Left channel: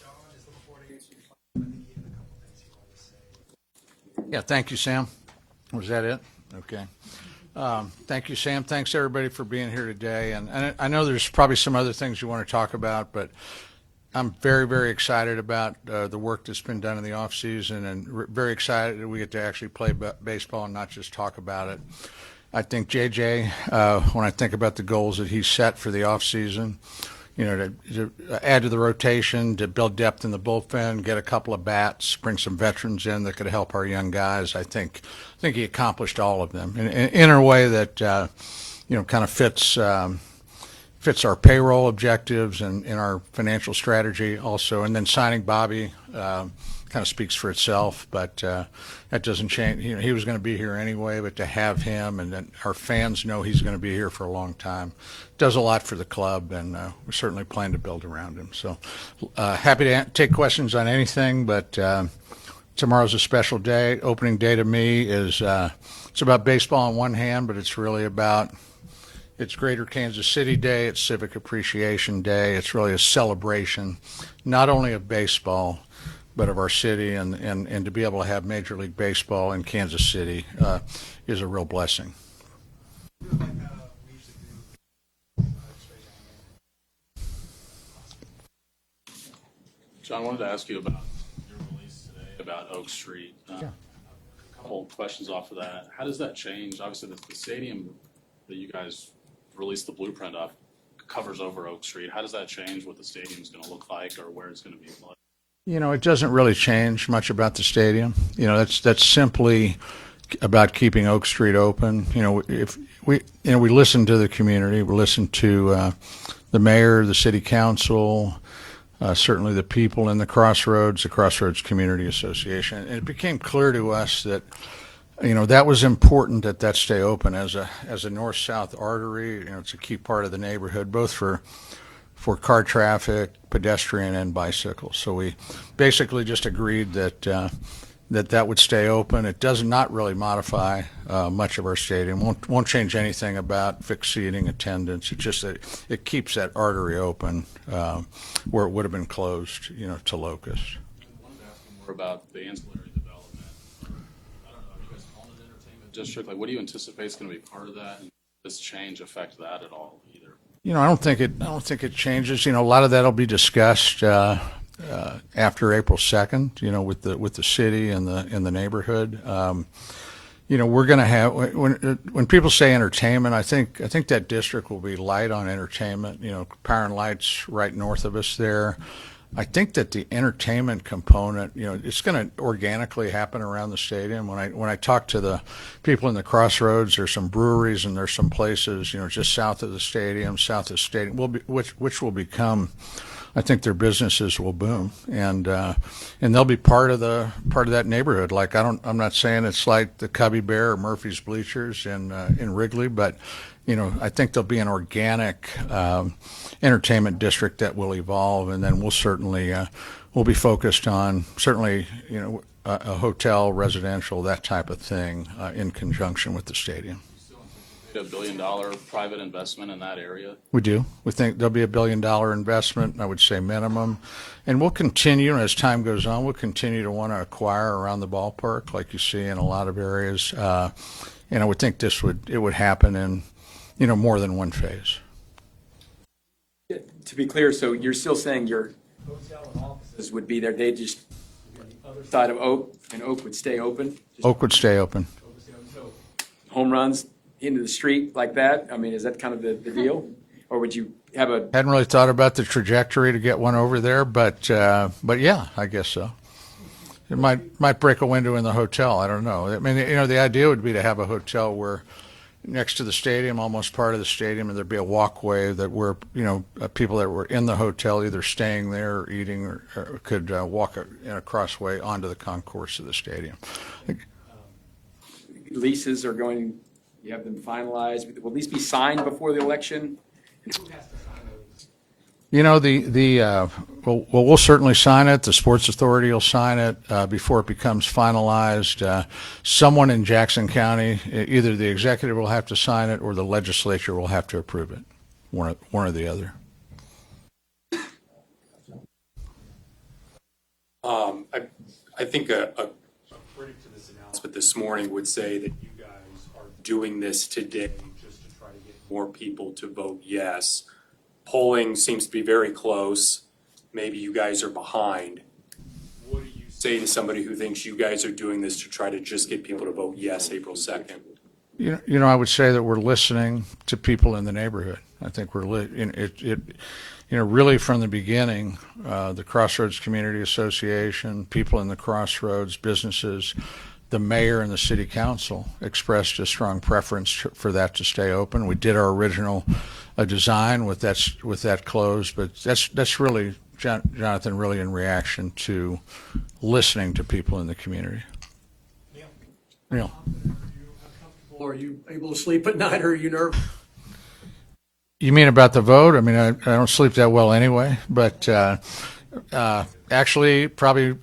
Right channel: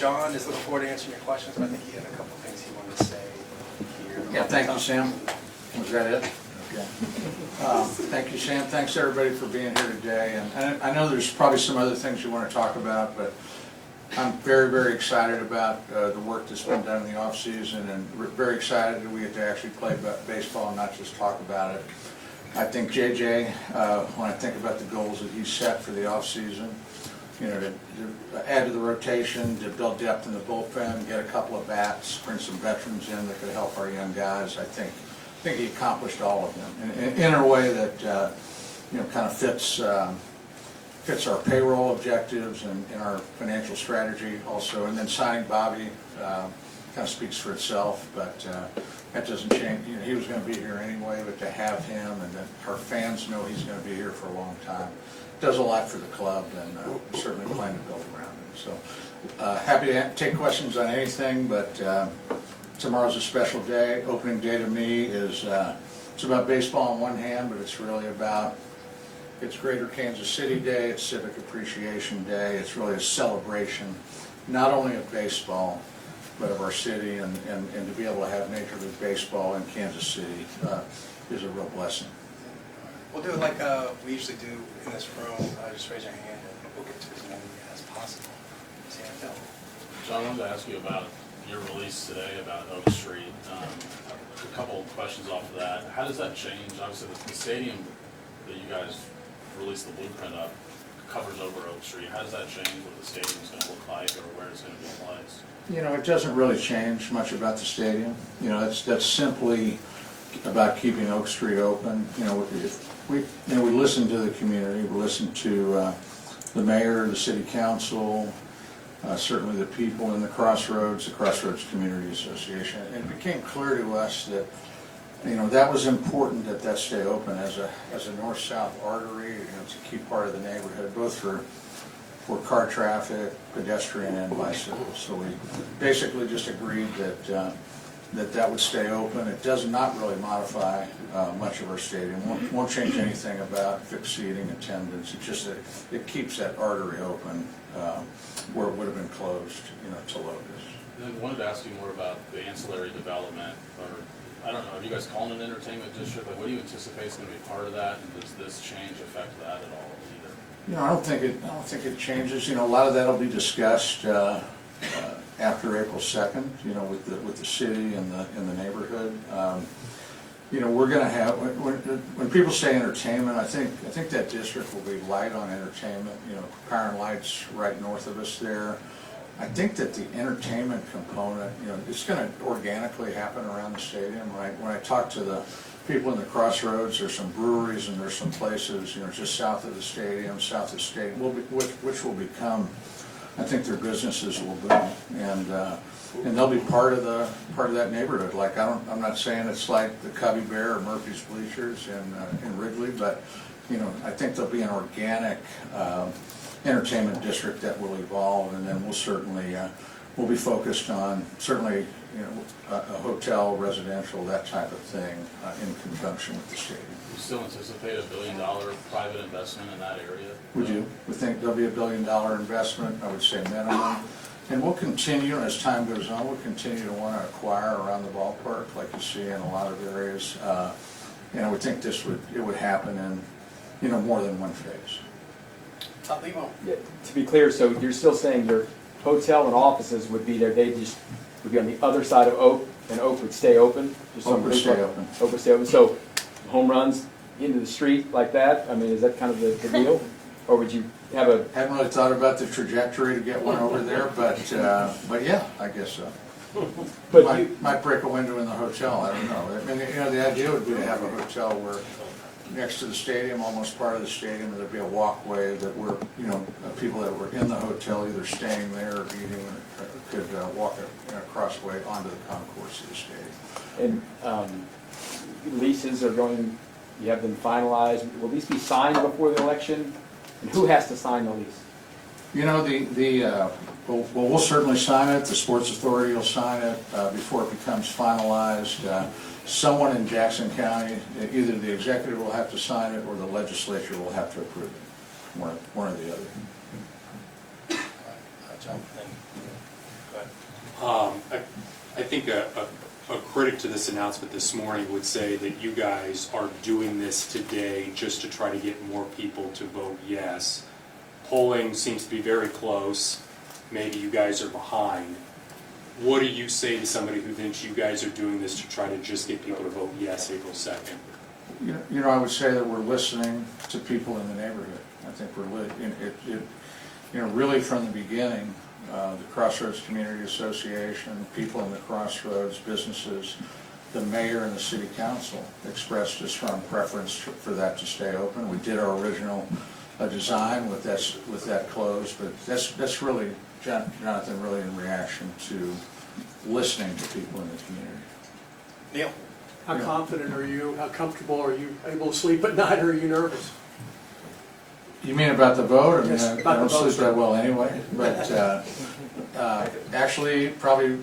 John is looking forward to answering your questions, but I think he had a couple of things he wanted to say here. Yeah, thank you, Sam. Was that it? Okay. Thank you, Sam. Thanks, everybody, for being here today. And I know there's probably some other things you want to talk about, but I'm very, very excited about the work that's been done in the off season, and very excited that we get to actually play baseball and not just talk about it. I think JJ, when I think about the goals that he set for the off season, you know, to add to the rotation, to build depth in the bullpen, get a couple of bats, bring some veterans in that could help our young guys. I think he accomplished all of them in a way that you know, kind of fits our payroll objectives and in our financial strategy also. And then signing Bobby kind of speaks for itself, but that doesn't change. You know, he was going to be here anyway, but to have him and that our fans know he's going to be here for a long time does a lot for the club, and we certainly plan to build around him. So happy to take questions on anything, but tomorrow's a special day. Opening day to me is it's about baseball on one hand, but it's really about it's Greater Kansas City Day, it's Civic Appreciation Day. It's really a celebration, not only of baseball, but of our city, and to be able to have Major League Baseball in Kansas City is a real blessing. We'll do it like we usually do in this room. Just raise your hand and we'll get to as many as possible. Sam, no. John, I wanted to ask you about your release today about Oak Street. A couple of questions off of that. How does that change? Obviously, the stadium that you guys released the blueprint of covers over Oak Street. How does that change what the stadium's going to look like or where it's going to be placed? You know, it doesn't really change much about the stadium. You know, that's simply about keeping Oak Street open. You know, if we listen to the community, we listen to the mayor, the city council, certainly the people in the Crossroads Community Association. And it became clear to us that, you know, that was important that stay open as a north-south artery. You know, it's a key part of the neighborhood, both for car traffic, pedestrian, and bicycles. So we basically just agreed that that would stay open. It does not really modify much of our stadium. Won't change anything about fixed seating, attendance. It's just that it keeps that artery open where it would have been closed, you know, to locusts. And I wanted to ask you more about the ancillary development, or I don't know, are you guys calling it an entertainment district? Like, what do you anticipate is going to be part of that, and does this change affect that at all either? You know, I don't think it changes. You know, a lot of that will be discussed after April 2nd. You know, with the city and the neighborhood. You know, we're going to have when people say entertainment, I think that district will be light on entertainment. You know, Power and Light's right north of us there. I think that the entertainment component, you know, it's going to organically happen around the stadium. When I talk to the people in the Crossroads, there's some breweries and there's some places, you know, just south of the stadium, which will become, I think their businesses will boom, and they'll be part of that neighborhood. Like I'm not saying it's like the Cubby Bear or Murphy's Bleachers in Wrigley, but you know, I think there'll be an organic entertainment district that will evolve, and then we'll certainly we'll be focused on certainly, you know, a hotel, residential, that type of thing in conjunction with the stadium. You still anticipate $1 billion private investment in that area? We do. We think there'll be $1 billion investment, I would say minimum. And we'll continue, as time goes on, we'll continue to want to acquire around the ballpark, like you see in a lot of areas. And I would think it would happen in, you know, more than one phase. Yeah, to be clear, so you're still saying your hotel and offices would be there, they just would be on the other side of Oak, and Oak would stay open? Oak would stay open. Oak would stay open, so home runs into the street like that, I mean, is that kind of the deal? Or would you have a... Hadn't really thought about the trajectory to get one over there, but yeah, I guess so. It might break a window in the hotel, I don't know. I mean, you know, the idea would be to have a hotel where next to the stadium, almost part of the stadium, and there'd be a walkway that where, you know, people that were in the hotel either staying there or eating or could walk in a crossway onto the concourse of the stadium. And leases are going, you have them finalized, will these be signed before the election? And who has to sign the lease? You know, we'll certainly sign it. The Sports Authority will sign it before it becomes finalized. Someone in Jackson County, either the executive will have to sign it or the legislature will have to approve it, one or the other. John, thank you. think a critic to this announcement this morning would say that you guys are doing this today just to try to get more people to vote yes. Polling seems to be very close. Maybe you guys are behind. What do you say to somebody who thinks you guys are doing this to try to just get people to vote yes April 2nd? You know, I would say that we're listening to people in the neighborhood. I think we're really from the beginning, the Crossroads Community Association, people in the Crossroads, businesses, the mayor and the city council expressed a strong preference for that to stay open. We did our original design with that closed, but that's really, Jonathan, really in reaction to listening to people in the community. Neil? How confident are you? How comfortable are you able to sleep at night? Or are you nervous? You mean about the vote? I mean, I don't sleep that well anyway, but actually probably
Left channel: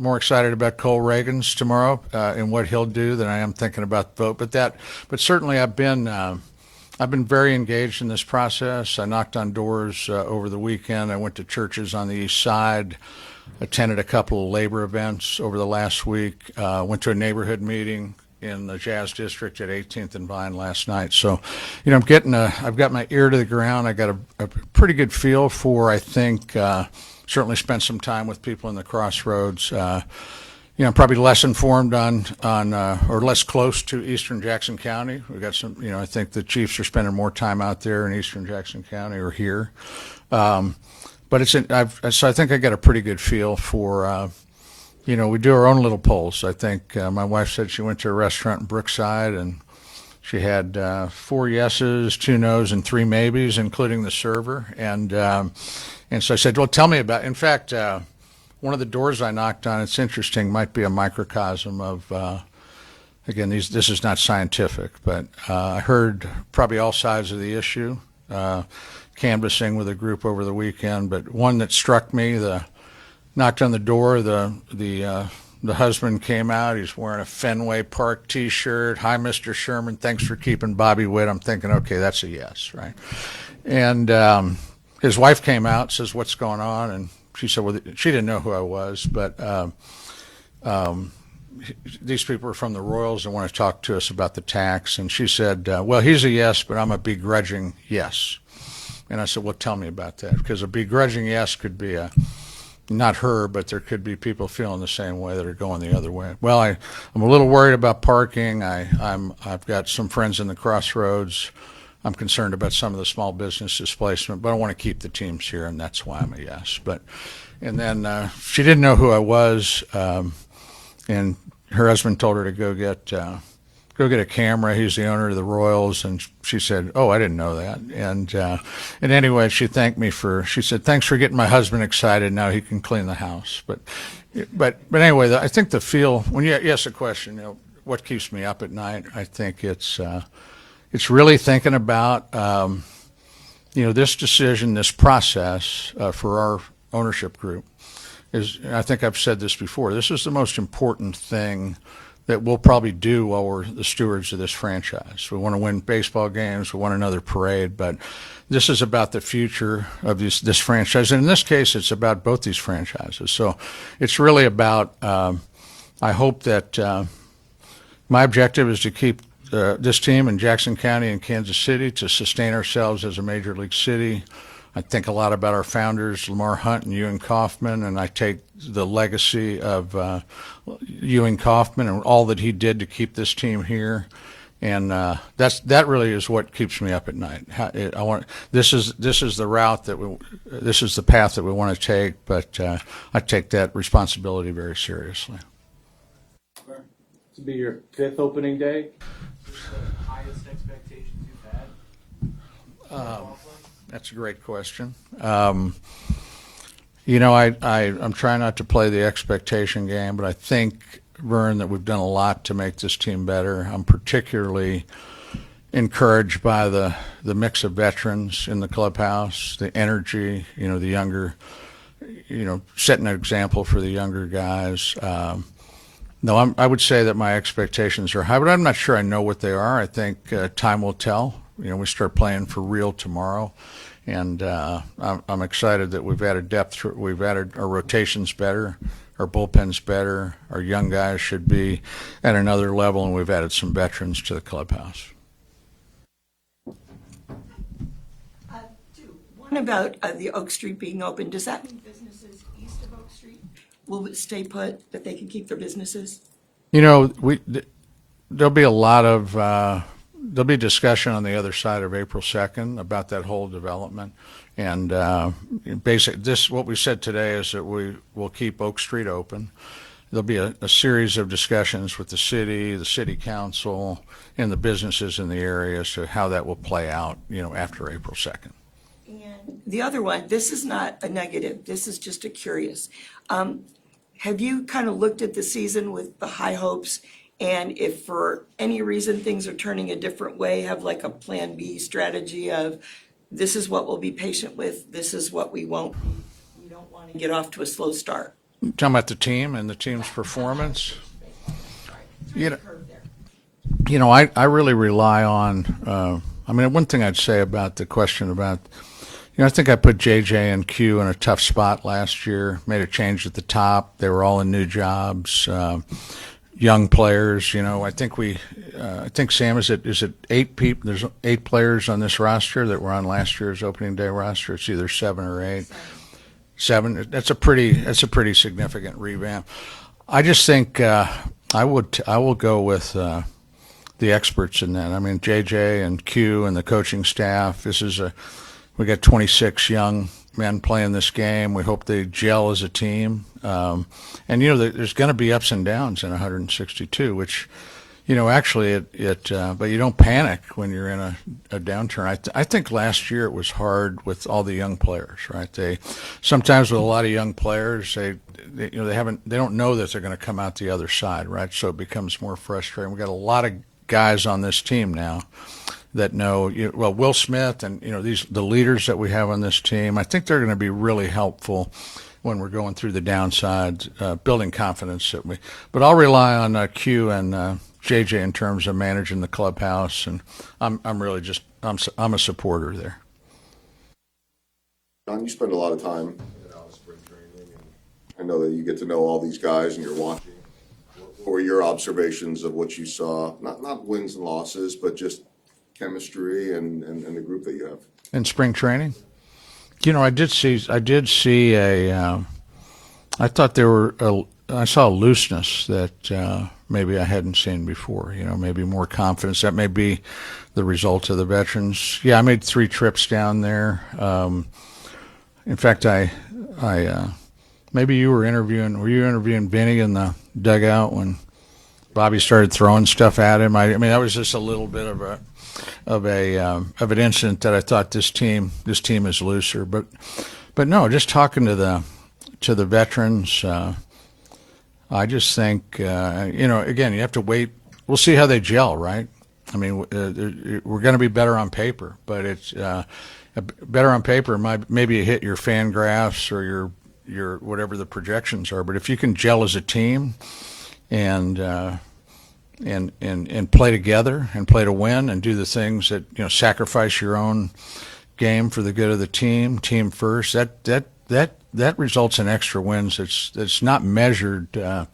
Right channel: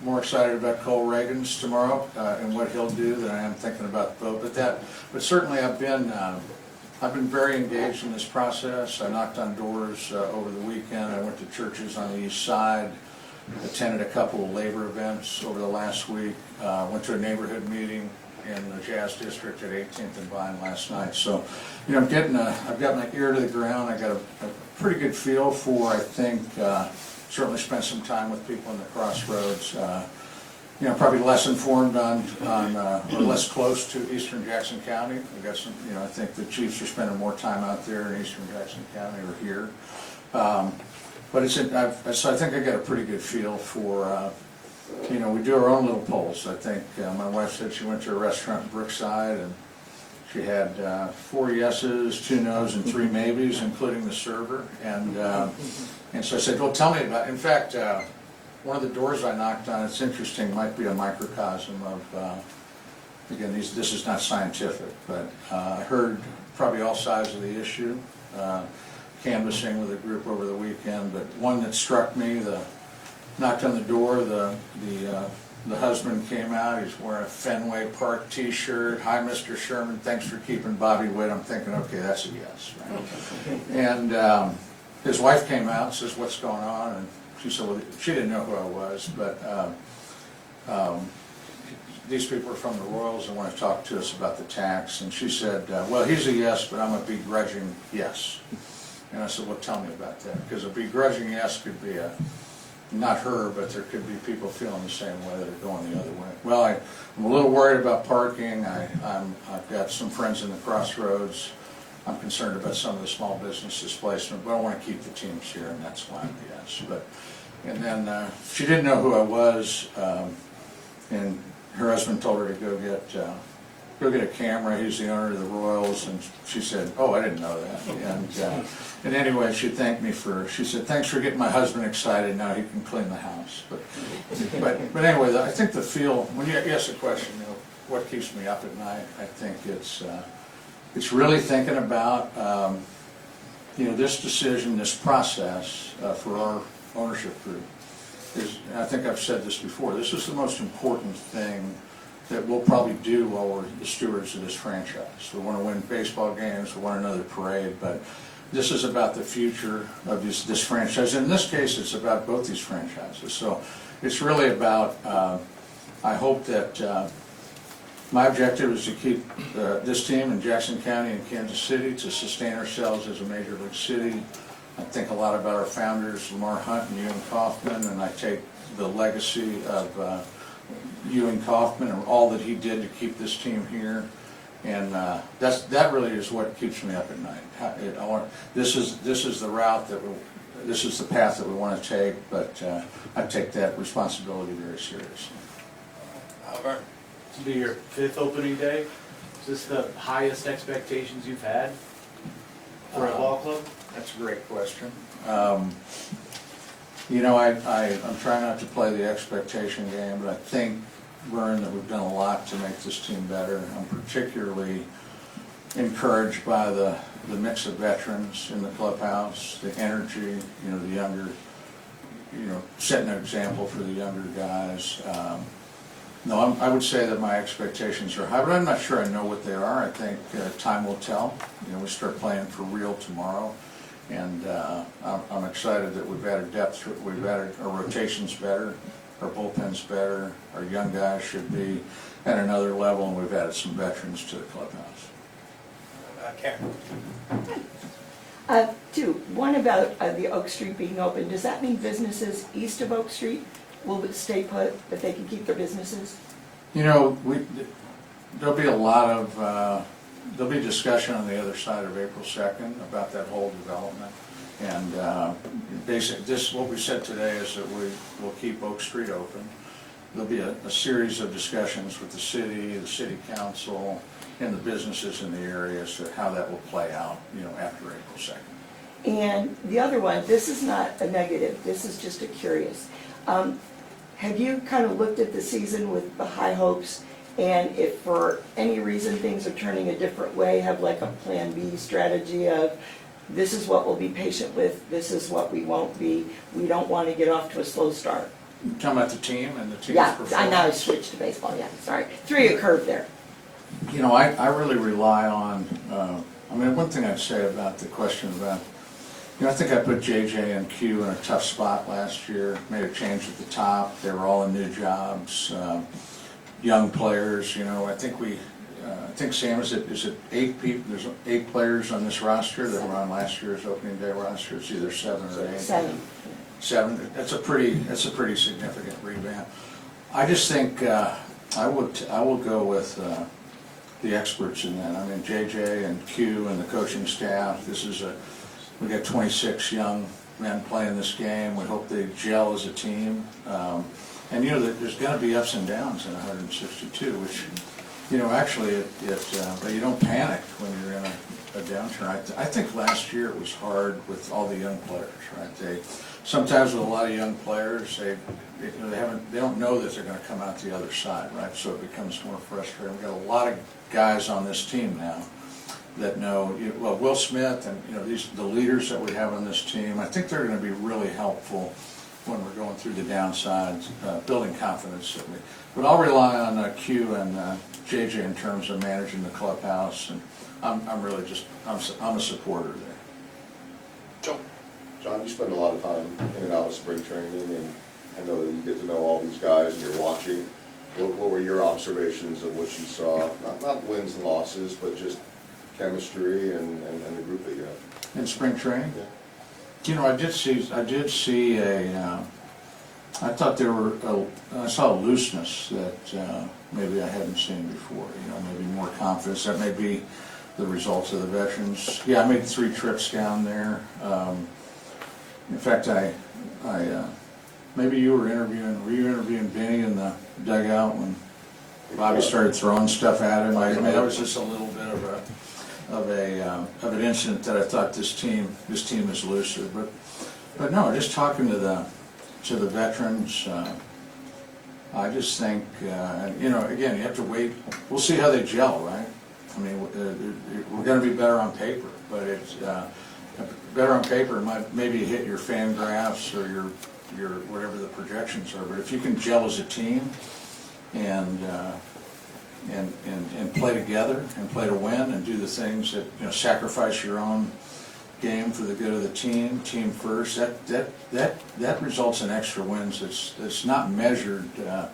more excited about Cole Reagan's tomorrow and what he'll do than I am thinking about the vote. But certainly I've been very engaged in this process. I knocked on doors over the weekend. I went to churches on the east side, attended a couple of labor events over the last week, went to a neighborhood meeting in the Jazz District at 18th and Vine last night. So, you know, I've got my ear to the ground. I got a pretty good feel for, I think, certainly spent some time with people in the Crossroads. You know, probably less informed on or less close to Eastern Jackson County. We've got some, you know, I think the Chiefs are spending more time out there in Eastern Jackson County or here. But so I think I got a pretty good feel for, you know, we do our own little polls. I think my wife said she went to a restaurant in Brookside and she had 4 yeses, 2 nos, and 3 maybes, including the server. And so I said, well, tell me about it. In fact, one of the doors I knocked on, it's interesting, might be a microcosm of, again, this is not scientific, but I heard probably all sides of the issue, canvassing with a group over the weekend, but one that struck me, knocked on the door, the husband came out, he's wearing a Fenway Park t-shirt. Hi, Mr. Sherman, thanks for keeping Bobby Witt. I'm thinking, okay, that's a yes, right? And his wife came out, says, what's going on? And she said, well, she didn't know who I was, but these people are from the Royals and want to talk to us about the tax. And she said, well, he's a yes, but I'm a begrudging yes. And I said, well, tell me about that. Because a begrudging yes could be not her, but there could be people feeling the same way that are going the other way. Well, I'm a little worried about parking. I've got some friends in the Crossroads. I'm concerned about some of the small business displacement, but I want to keep the teams here, and that's why I'm a yes. And then she didn't know who I was, and her husband told her to go get a camera. He's the owner of the Royals, and she said, "Oh, I didn't know that." And anyway, she thanked me she said, "Thanks for getting my husband excited. Now he can clean the house." But anyway, I think when you ask the question, you know, what keeps me up at night, I think it's really thinking about you know, this decision, this process for our ownership group is. And I think I've said this before. This is the most important thing that we'll probably do while we're the stewards of this franchise. We want to win baseball games, we want another parade, but this is about the future of this franchise. And in this case, it's about both these franchises. So it's really about, I hope that my objective is to keep this team in Jackson County and Kansas City to sustain ourselves as a major league city. I think a lot about our founders, Lamar Hunt and Ewing Kauffman, and I take the legacy of Ewing Kauffman and all that he did to keep this team here, and that really is what keeps me up at night. This is the route this is the path that we want to take, but I take that responsibility very seriously. Albert? This will be your 5th opening day. Is this the highest expectations you've had for a ball club? That's a great question. You know, I'm trying not to play the expectation game, but I think, Vern, that we've done a lot to make this team better. I'm particularly encouraged by the mix of veterans in the clubhouse, the energy, you know, the younger, you know, setting an example for the younger guys. No, I would say that my expectations are high, but I'm not sure I know what they are. I think time will tell. You know, we start playing for real tomorrow. And I'm excited that we've added depth. We've added our rotations better. our bullpen's better, our young guys should be at another level, and we've added some veterans to the clubhouse. Karen? Two, one about the Oak Street being open. Does that mean businesses east of Oak Street will stay put, but they can keep their businesses? You know, there'll be a lot of, there'll be discussion on the other side of April 2nd about that whole development. And what we said today is that we will keep Oak Street open. There'll be a series of discussions with the city council, and the businesses in the area as to how that will play out, after April 2nd. And the other one, this is not a negative, this is just a curious. Have you kind of looked at the season with the high hopes, and if for any reason things are turning a different way, have like a plan B strategy of this is what we'll be patient with, this is what we won't be, we don't want to get off to a slow start? Talking about the team and the team's performance? Yeah, I know I switched to baseball, yeah, sorry. Threw you a curve there. I really rely on, one thing I'd say about the question about, I think I put JJ and Q in a tough spot last year, made a change at the top. They were all in new jobs, young players, I think Sam, is it 8 people? There's 8 players on this roster that were on last year's opening day roster. It's either 7 or 8. 7. That's a pretty significant revamp. I just think I will go with the experts in that. JJ and Q and the coaching staff. We got 26 young men playing this game. We hope they gel as a team. There's going to be ups and downs in 162, which, actually but you don't panic when you're in a downturn. I think last year it was hard with all the young players, right? Sometimes with a lot of young players, they don't know that they're going to come out the other side, right? So it becomes more frustrating. We've got a lot of guys on this team now that know, Will Smith and, the leaders that we have on this team, I think they're going to be really helpful when we're going through the downsides, building confidence. But I'll rely on Q and JJ in terms of managing the clubhouse, and I'm really I'm a supporter there. John, you spend a lot of time in and out of spring training, and I know that you get to know all these guys and you're watching. What were your observations of what you saw? Not wins and losses, but just chemistry and the group that you have. In spring training? Yeah. I did see I saw a looseness that maybe I hadn't seen before, maybe more confidence. That may be the result of the veterans. Yeah, I made 3 trips down there. In fact, I maybe were you interviewing Vinny in the dugout when Bobby started throwing stuff at him? That was just a little bit of an incident that I thought this team is looser. But no, just talking to the veterans, I just think again, you have to wait. We'll see how they gel, right? We're going to be better on paper, but it's better on paper. Maybe you hit your fan graphs or your whatever the projections are. But if you can gel as a team and play together and play to win and do the things that sacrifice your own game for the good of the team first, that results in extra wins. That's not measured by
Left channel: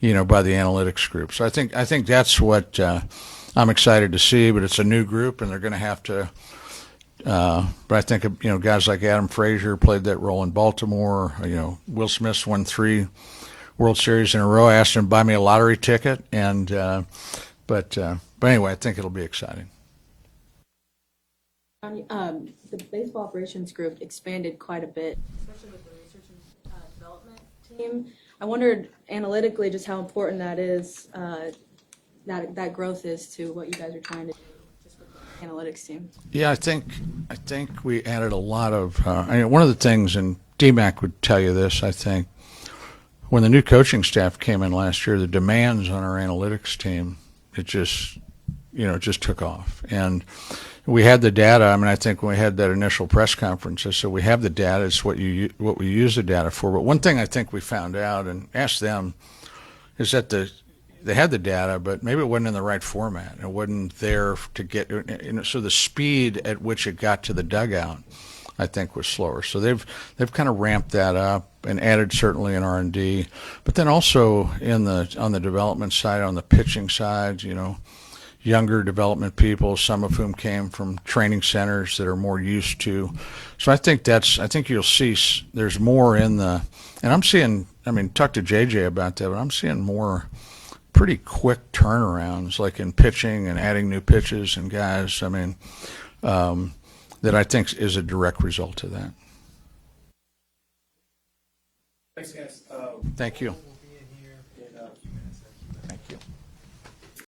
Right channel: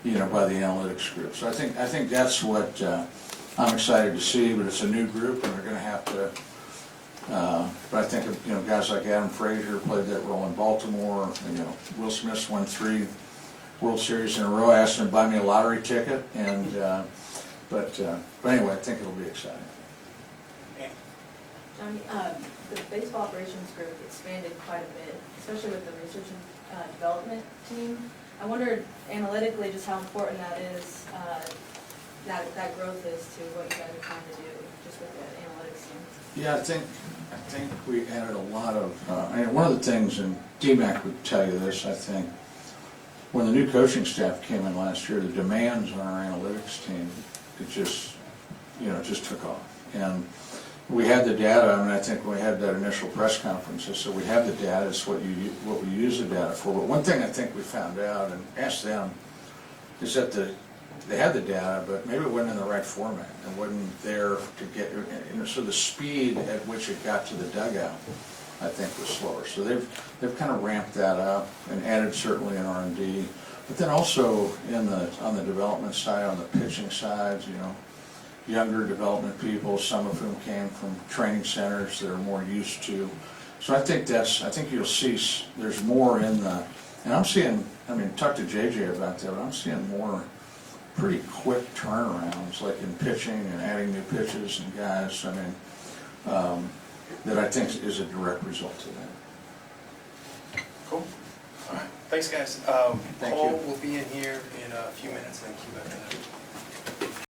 the analytics group. So I think that's what I'm excited to see. But it's a new group, and they're going to have to. But I think guys like Adam Frazier played that role in Baltimore. Will Smith's won 3 World Series in a row. I asked him to buy me a lottery ticket, and but anyway, I think it'll be exciting. Johnny, the baseball operations group expanded quite a bit, especially with the research and development team. I wondered analytically just how important that is, that growth is to what you guys are trying to do just with the analytics team. Yeah, I think we added a lot of. One of the things, and DMAC would tell you this, I think. When the new coaching staff came in last year, the demands on our analytics team, it just took off. And we had the data. I think when we had that initial press conference, I said, we have the data. It's what we use the data for. But one thing I think we found out, and asked them, is that they had the data, but maybe it wasn't in the right format. It wasn't there to get, so the speed at which it got to the dugout I think, was slower. So they've kind of ramped that up and added certainly in R&D, but then also on the development side, on the pitching side, you know, younger development people, some of whom came from training centers that are more used to. So I think you'll see there's more in the, and I'm seeing, I mean, talk to JJ about that, but I'm seeing more pretty quick turnarounds, like in pitching and adding new pitches and guys, I mean, that I think is a direct result of that. Cool. All right. Thanks, guys. Thank you. Paul will be in here in a few minutes. Thank you.